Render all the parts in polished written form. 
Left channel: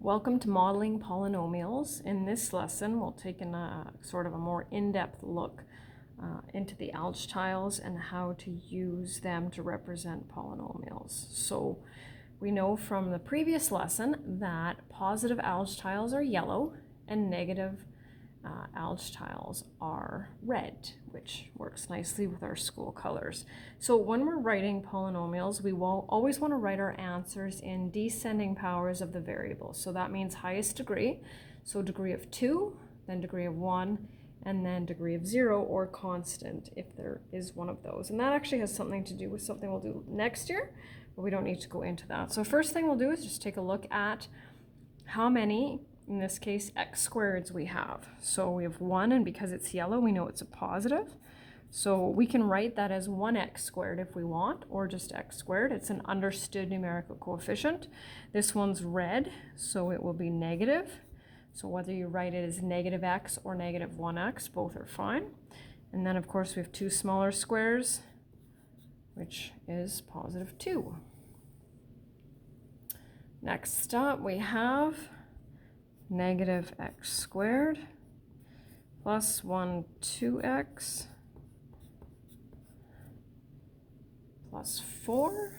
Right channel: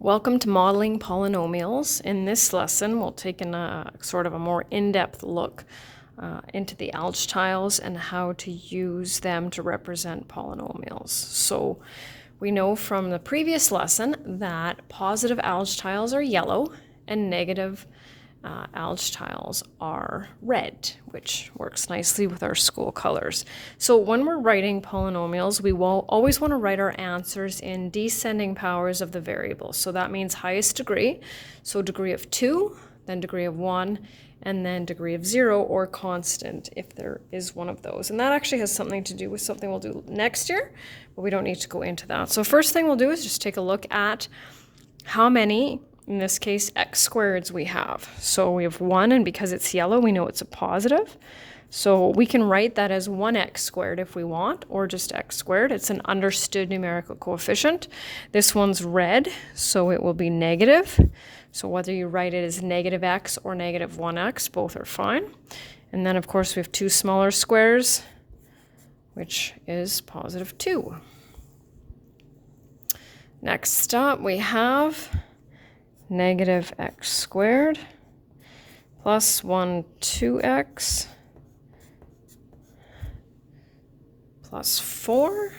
Welcome to Modeling Polynomials. In this lesson, we'll take a sort of a more in-depth look into the algebra tiles and how to use them to represent polynomials. So we know from the previous lesson that positive algebra tiles are yellow and negative algebra tiles are red, which works nicely with our school colors. So when we're writing polynomials, we will always want to write our answers in descending powers of the variable. So that means highest degree, so degree of 2, then degree of 1, and then degree of 0 or constant if there is one of those. And that actually has something to do with something we'll do next year, but we don't need to go into that. So first thing we'll do is just take a look at how many, in this case, x squareds we have. So we have 1, and because it's yellow, we know it's a positive. So we can write that as 1x squared if we want, or just x squared. It's an understood numerical coefficient. This one's red, so it will be negative. So whether you write it as negative x or negative 1x, both are fine. And then, of course, we have 2 smaller squares, which is positive 2. Next up, we have negative x squared plus 2x plus 4.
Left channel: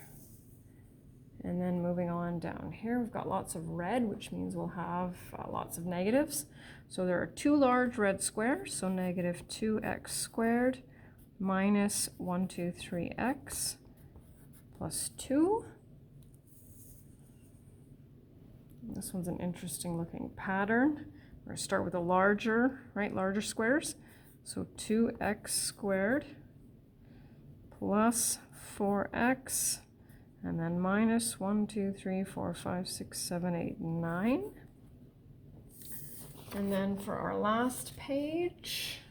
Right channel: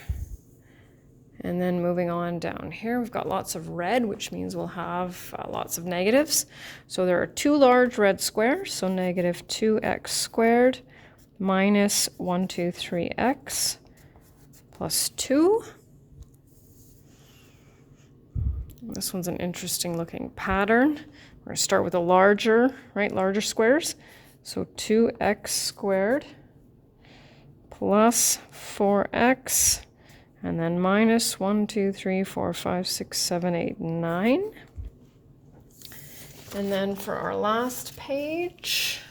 And then moving on down here, we've got lots of red, which means we'll have lots of negatives. So there are 2 large red squares, so negative 2x squared minus 3x plus 2. This one's an interesting looking pattern. We're going to start with a larger squares. So 2x squared plus 4x, and then minus 1, 2, 3, 4, 5, 6, 7, 8, 9. And then for our last page,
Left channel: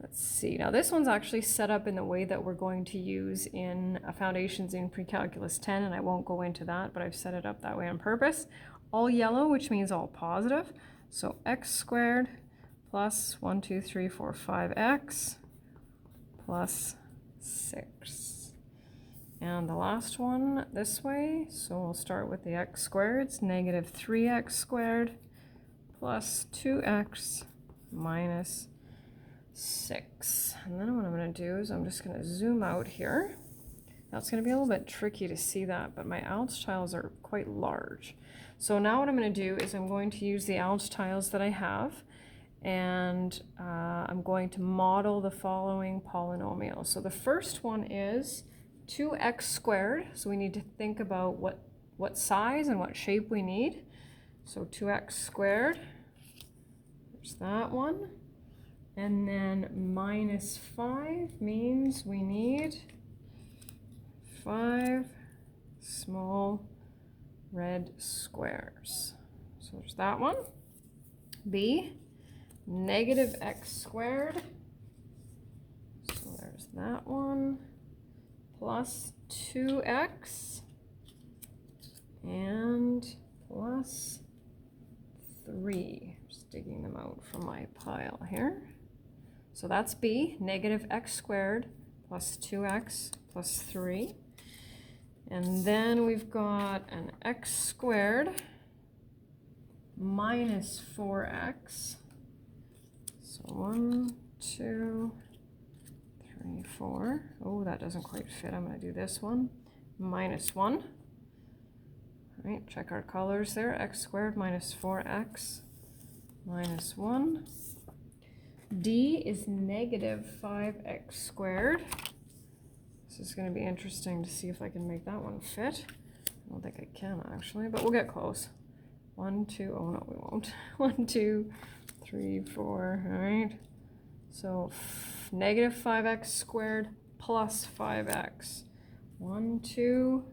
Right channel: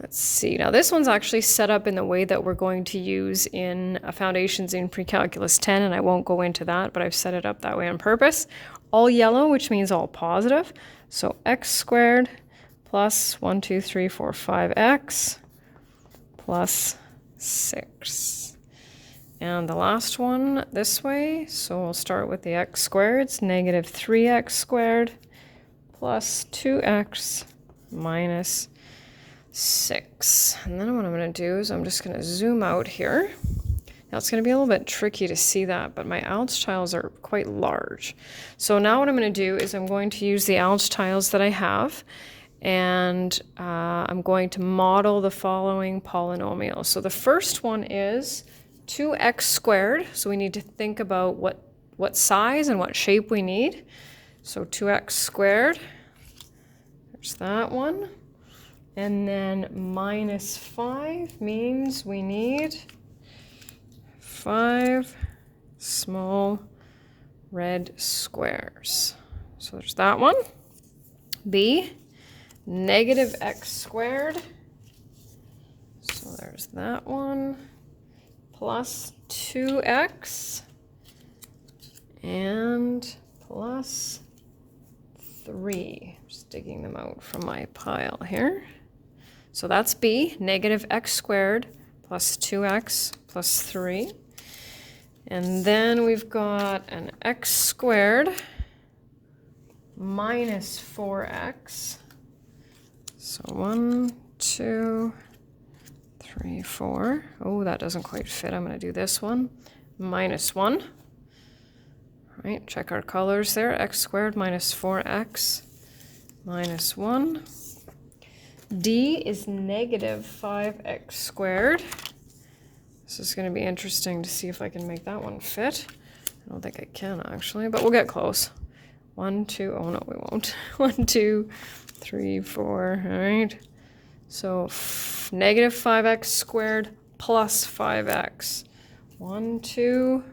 let's see. Now this one's actually set up in the way that we're going to use in Foundations in Pre-Calculus 10, and I won't go into that, but I've set it up that way on purpose. All yellow, which means all positive. So x squared plus 1, 2, 3, 4, 5x plus 6. And the last one this way, so we'll start with the x squared. It's negative 3x squared plus 2x minus 6. And then what I'm going to do is I'm just going to zoom out here. Now it's going to be a little bit tricky to see that, but my algebra tiles are quite large. So now what I'm going to do is I'm going to use the algebra tiles that I have, and I'm going to model the following polynomials. So the first one is 2x squared. So we need to think about what size and what shape we need. So 2x squared, there's that one. And then minus 5 means we need 5 small red squares. So there's that one. B, negative x squared. So there's that one. Plus 2x and plus 3. Just digging them out from my pile here. So that's B, negative x squared plus 2x plus 3. And then we've got an x squared minus 4x. So 1, 2, 3, 4. Oh, that doesn't quite fit. I'm going to do this one. Minus 1. All right, check our colors there. X squared minus 4x minus 1. D is negative 5x squared. This is going to be interesting to see if I can make that one fit. I don't think I can actually, but we'll get close. 1, 2, oh no, we won't. 1, 2, 3, 4, all right. So negative 5x squared plus 5x. 1, 2,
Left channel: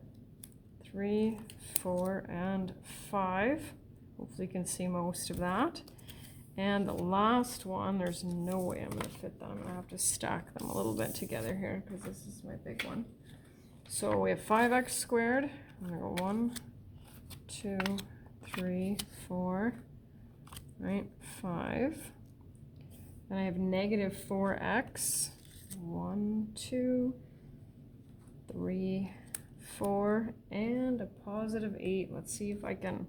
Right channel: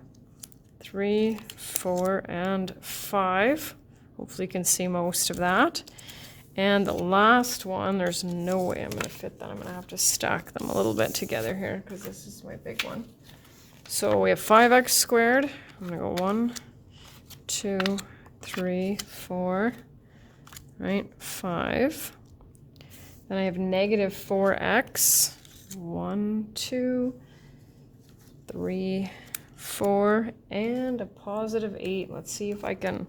3, 4, and 5. Hopefully you can see most of that. And the last one, there's no way I'm going to fit that. I'm going to have to stack them a little bit together here because this is my big one. So we have 5x squared. I'm going to go 1, 2, 3, 4, right, 5. Then I have negative 4x. 1, 2, 3, 4, and a positive 8. Let's see if I can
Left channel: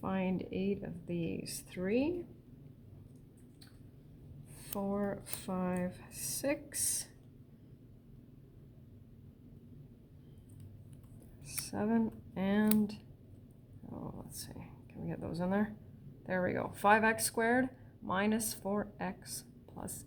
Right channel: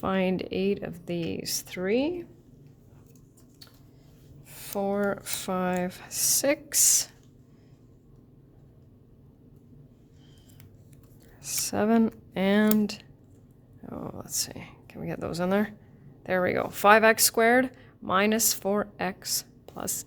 find 8 of these. 3, 4, 5, 6, 7, and, oh, let's see. Can we get those in there? There we go. 5x squared minus 4x plus